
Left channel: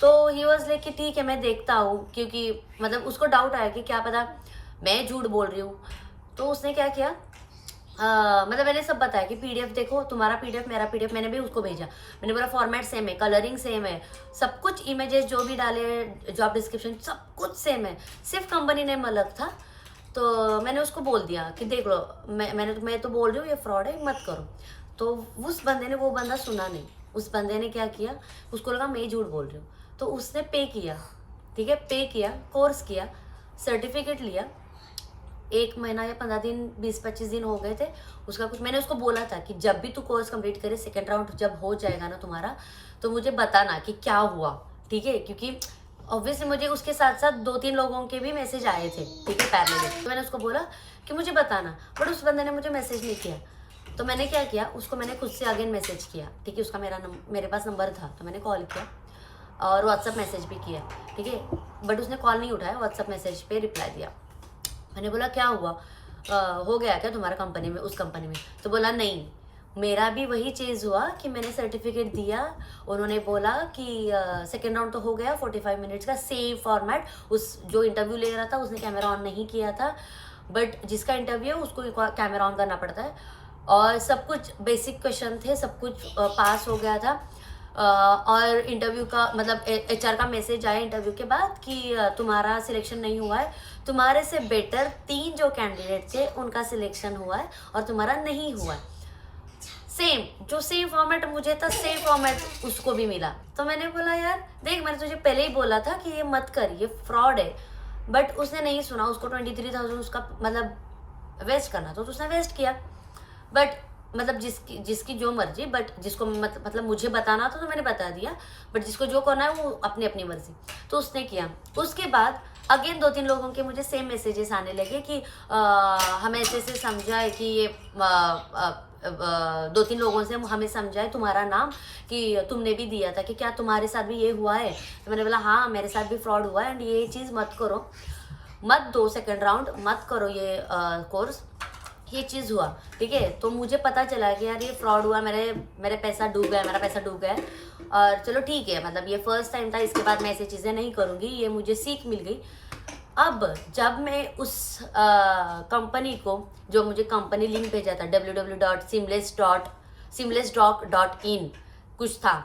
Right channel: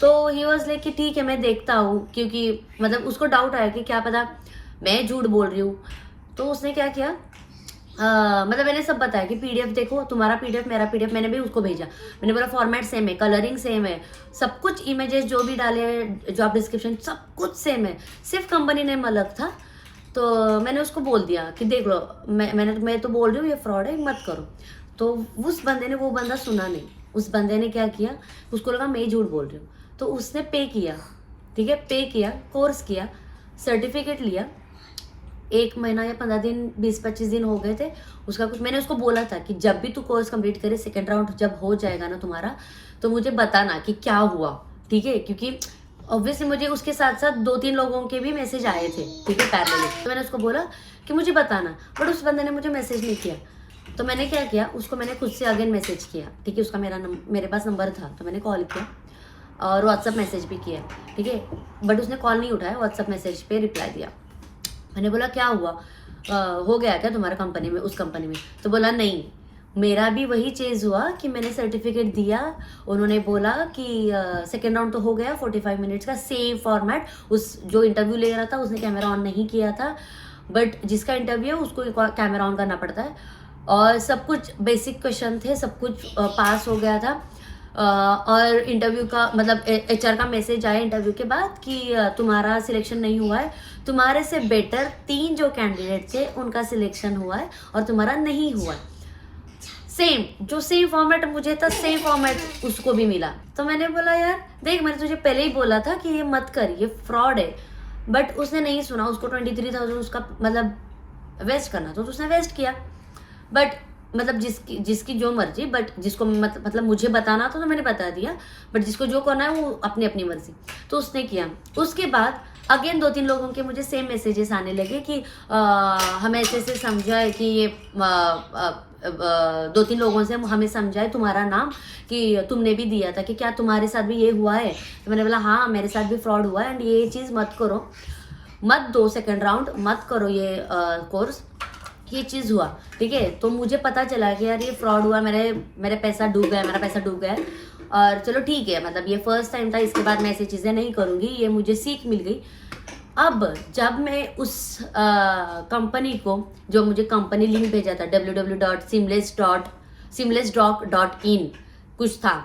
तो ही वॉज लाइक कि ठीक है मैं देखता हूँ, क्योंकि मतलब उसको डाउट आया कि क्या पता मैं झूठ बोल रही हूँ। तो उसने क्या किया, मतलब मैंने सब बताया कि PDF देखो, तुम्हारा PDF मेरा PDF, मैंने भी उसको भेजा। मैंने बोला फॉर्मेट सेम है, कलरिंग सेम है, सब कुछ, इमेजेस जो भी डाले हैं, जॉब डिस्क्रिप्शन सब कुछ सेम है, सिर्फ कंपनी नेम अलग था। तो मैंने उसको बोल दिया कि देख लो, मैं तो बोल रही हूँ ये फ्रॉड है, मत करो। तो उस बंदे ने, वो बंदा सुना नहीं। उस बंदे ने क्या किया, उसको लगा मैं झूठ बोल रही हूँ, तो उसने पे किया, ठीक है, पे किया, कोर्स किया, सर्टिफिकेट लिया। 1 महीना या 15 दिन, 20-25 दिन हो गए थे उसका कुछ। मैंने उसको बोला था कि जब भी तू कोर्स कंप्लीट करे, सेकेंड राउंड जब हो जाएगा ना तुम्हारा, तो मुझे बताना कि क्या हुआ, ठीक है? क्योंकि ऑब्वियसली मुझे उसके साथ साथ 2-3 लोगों के भी मैसेज आए थे, ठीक है, पैरेलल। तो मैंने उसको बोला कि मुझे बताना, बट उस बंदे ने मुझे मैसेज नहीं किया। तो मैंने क्या किया, उसको मैंने खुद से अगेन मैसेज किया, ठीक है? उसका मेरे पास नंबर था, तो मैंने कॉल किया और व्हाट्सअप मैसेज भी किया, ठीक है? बट उसने कॉल नहीं उठाया, व्हाट्सअप मैसेज पे रिप्लाई दिया। मैंने बोला क्या हुआ, हो गया क्या तुम्हारा कंपनी में, उस कंपनी में? तो बोला नहीं, मेरा भी वही चीज़ हुआ कि मैंने सर्टिफिकेट दिया, उन्होंने बोला कि सेकेंड राउंड तो हो गया, 45 मिनट्स का सेम फॉर्मेट। उस जो इंटरव्यू ले रहा था उसने कैमरा ऑन नहीं किया था, बट जिसका इंटरव्यू है उसको कैमरा ऑन करना पड़ता है। और सब कुछ बेसिक क्वेश्चन थे, सब कुछ पास हो गया था। और इंटरव्यू का मतलब HR का मैसेज आया इंटरव्यू के बाद कि तुम्हारा सिलेक्शन नहीं हुआ है, तुम्हारे से बेटर 3 जो कैंडिडेट थे उनका सिलेक्शन हुआ है और तुम्हारा नहीं हुआ है। सेम फॉर्मेट मुझे था, सेम फॉर्मेट उसको भी मिला। तो मैंने बोला यार देख, मैंने तुझे पहले ही बोला था कि ये मत कर, ये फ्रॉड है। बट उसने नहीं सुना, उसको 23,000 उसका मतलब वेस्ट करना, तो उसने वेस्ट किया। बट मतलब जिसकी जो मर्जी, बट जिसको मतलब मुझे बताना था तो मैंने बता दिया, बट जिसको जो करना है वो अपनी अपनी मर्जी। तो उसने किया। उसके बाद अगेन 2-3 लोगों के मुझे सेम मैसेजेस आने लगे कि हमें ऐसे समझाए कि ये 2-3 लोगों से हमें समझाए तुम्हारा नाम कि तुमने भी दिया था, कि क्या तुम्हारे साथ भी ये हुआ है? तो मैंने बोला हाँ मेरे साथ भी फ्रॉड हुआ है एंड ये चीज़ मत करो, मत दो सेकेंड राउंड, मत करो ये कोर्स, ये चीज़ हुआ, ठीक है? तो मुझे पता चला कि यार ये फ्रॉड हुआ, मेरा पैसा डूब गया है। और चलो ठीक है, मतलब ये फर्स्ट टाइम था, इसके बाद मैं ऐसी चीज़ें नहीं करूँगी, ये मुझे सीख मिल गई। अब जब मैं उस कंपनी को, जो मुझे कंपनी लिंक भेजा था www.seamlessdoc.in कुछ था,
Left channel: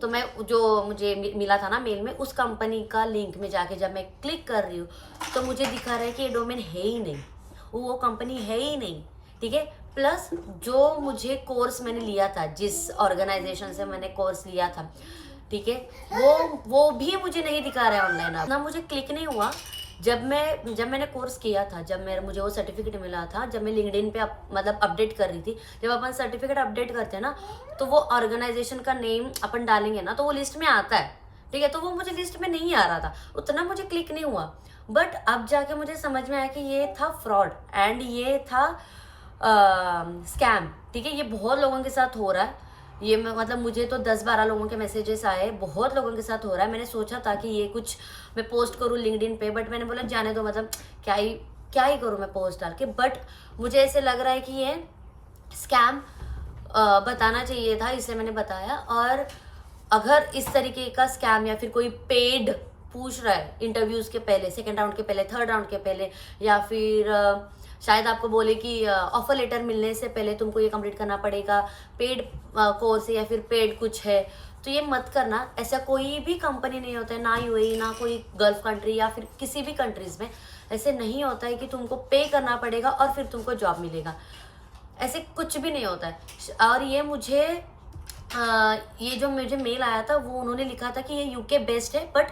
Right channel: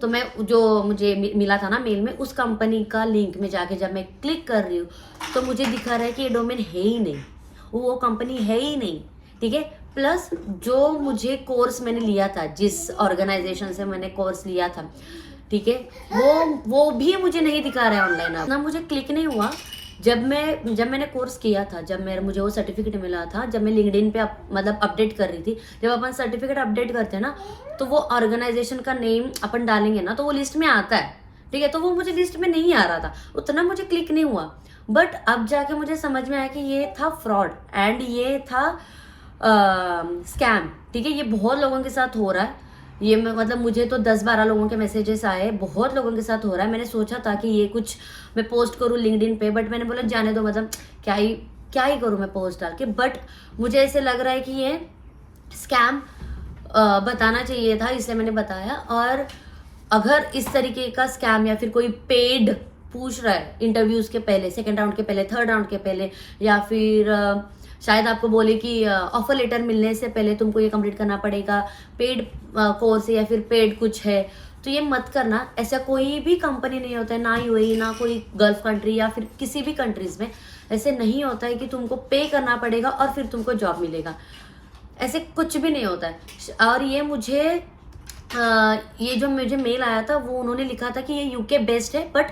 तो मैं जो मुझे मिला था ना मेल में, उस कंपनी का लिंक में जाके जब मैं क्लिक कर रही हूँ तो मुझे दिखा रहा है कि ये डोमेन है ही नहीं, वो कंपनी है ही नहीं, ठीक है। प्लस जो मुझे कोर्स मैंने लिया था, जिस ऑर्गेनाइजेशन से मैंने कोर्स लिया था, ठीक है, वो भी मुझे नहीं दिखा रहा है ऑनलाइन। अब ना मुझे क्लिक नहीं हुआ। जब मैंने कोर्स किया था, मुझे वो सर्टिफिकेट मिला था, जब मैं लिंक्डइन पे मतलब अपडेट कर रही थी, जब अपन सर्टिफिकेट अपडेट करते हैं ना, तो वो ऑर्गेनाइजेशन का नेम अपन डालेंगे ना तो वो लिस्ट में आता है, ठीक है। तो वो मुझे लिस्ट में नहीं आ रहा था, उतना मुझे क्लिक नहीं हुआ। बट अब जाके मुझे समझ में आया कि ये था फ्रॉड एंड ये था स्कैम, ठीक है। ये बहुत लोगों के साथ हो रहा है। ये मतलब मुझे तो 10-12 लोगों के मैसेजेस आए, बहुत लोगों के साथ हो रहा है। मैंने सोचा था कि ये कुछ मैं पोस्ट करूँ लिंक्डइन पे, बट मैंने बोला जाने दो, मतलब क्या ही करूँ मैं पोस्ट डाल के। बट मुझे ऐसे लग रहा है कि ये स्कैम बताना चाहिए था, इसलिए मैंने बताया। और अगर इस तरीके का स्कैम या फिर कोई पेड पूछ रहा है इंटरव्यूज के पहले, सेकंड राउंड के पहले, थर्ड राउंड के पहले, या फिर शायद आपको बोले कि ऑफर लेटर मिलने से पहले तुमको ये कंप्लीट करना पड़ेगा, पेड कोर्स है या फिर पेड कुछ है, तो ये मत करना। ऐसा कोई भी कंपनी नहीं होता है, ना यूएई, ना कोई गल्फ कंट्री या फिर किसी भी कंट्रीज में ऐसे नहीं होता है कि तुमको पे करना पड़ेगा और फिर तुमको जॉब मिलेगा। ऐसे कुछ भी नहीं होता है। और ये जो मुझे मेल आया था, वो उन्होंने लिखा था कि ये यूके बेस्ड है, बट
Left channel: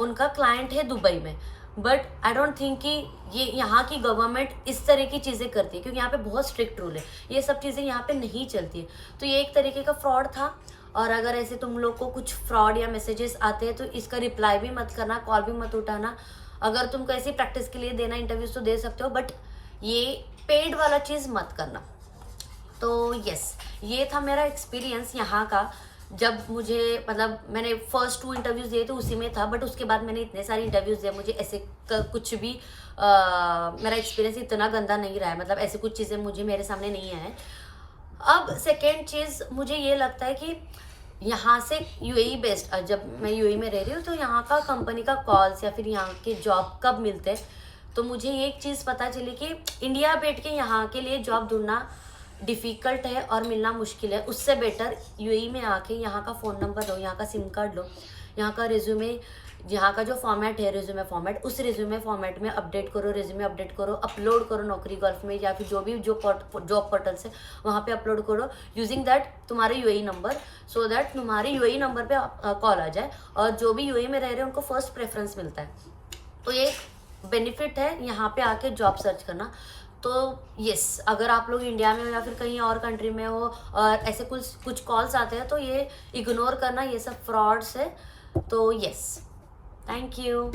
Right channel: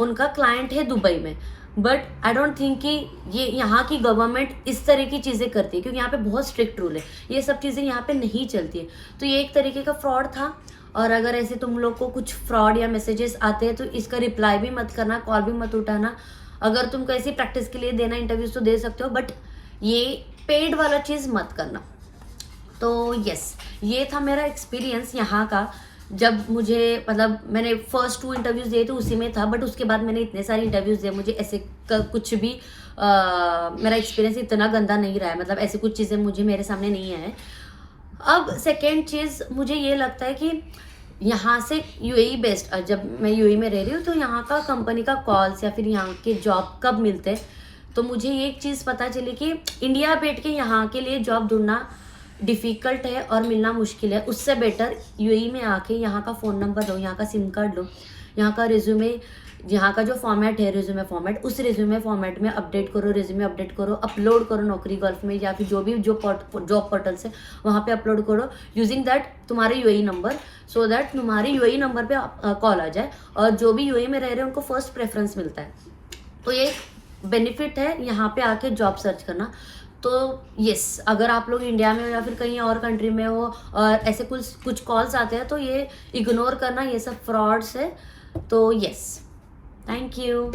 उनका क्लाइंट है दुबई में। बट आई डोंट थिंक कि ये यहाँ की गवर्नमेंट इस तरह की चीज़ें करती है, क्योंकि यहाँ पे बहुत स्ट्रिक्ट रूल है, ये सब चीज़ें यहाँ पे नहीं चलती है। तो ये एक तरीके का फ्रॉड था। और अगर ऐसे तुम लोग को कुछ फ्रॉड या मैसेजेस आते हैं तो इसका रिप्लाई भी मत करना, कॉल भी मत उठाना। अगर तुमको ऐसी प्रैक्टिस के लिए देना इंटरव्यूज तो दे सकते हो, बट ये पेड वाला चीज़ मत करना। तो यस, ये था मेरा एक्सपीरियंस यहाँ का। जब मुझे मतलब मैंने फर्स्ट 2 इंटरव्यूज दिए तो उसी में था, बट उसके बाद मैंने इतने सारे इंटरव्यूज दिए, मुझे ऐसे कुछ भी मेरा एक्सपीरियंस इतना गंदा नहीं रहा है, मतलब ऐसी कुछ चीज़ें मुझे मेरे सामने नहीं आए। अब सेकेंड चीज़ मुझे ये लगता है कि यहाँ से यूएई बेस्ड, जब मैं यूएई में रह रही हूँ तो यहाँ का कंपनी का कॉल्स या फिर यहाँ के जॉब कब मिलते हैं, तो मुझे एक चीज़ पता चली कि इंडिया बैठ के यहाँ के लिए जॉब ढूंढना डिफ़िकल्ट है और मिलना मुश्किल है। उससे बेटर यूएई में आके यहाँ का फ़ोन नंबर लो, यहाँ का सिम कार्ड लो, यहाँ का रिज्यूमे, यहाँ का जो फॉर्मेट है रिज्यूमे फॉर्मेट, उस रिज्यूमे फॉर्मेट में अपडेट करो, रिज्यूमे अपडेट करो, अपलोड करो नौकरी गल्फ में या फिर जो भी जॉब पोर्टल से, वहाँ पे अपलोड करो यूजिंग दैट तुम्हारे यूएई नंबर, सो दैट तुम्हारे यूएई नंबर पे कॉल आ जाए और जो भी यूएई में रह रहे हैं उनको फर्स्ट प्रेफरेंस मिलता है। तो ये बेनिफिट है यहाँ पे आके जॉब सर्च करना। तो यस, अगर आप लोग इंडिया में हो या फिर कहीं और कंट्री में हो और ऐसे कुछ कॉल्स आते हैं तो ये इग्नोर करना, ये सब फ्रॉड्स है। तो यस, थैंक यू।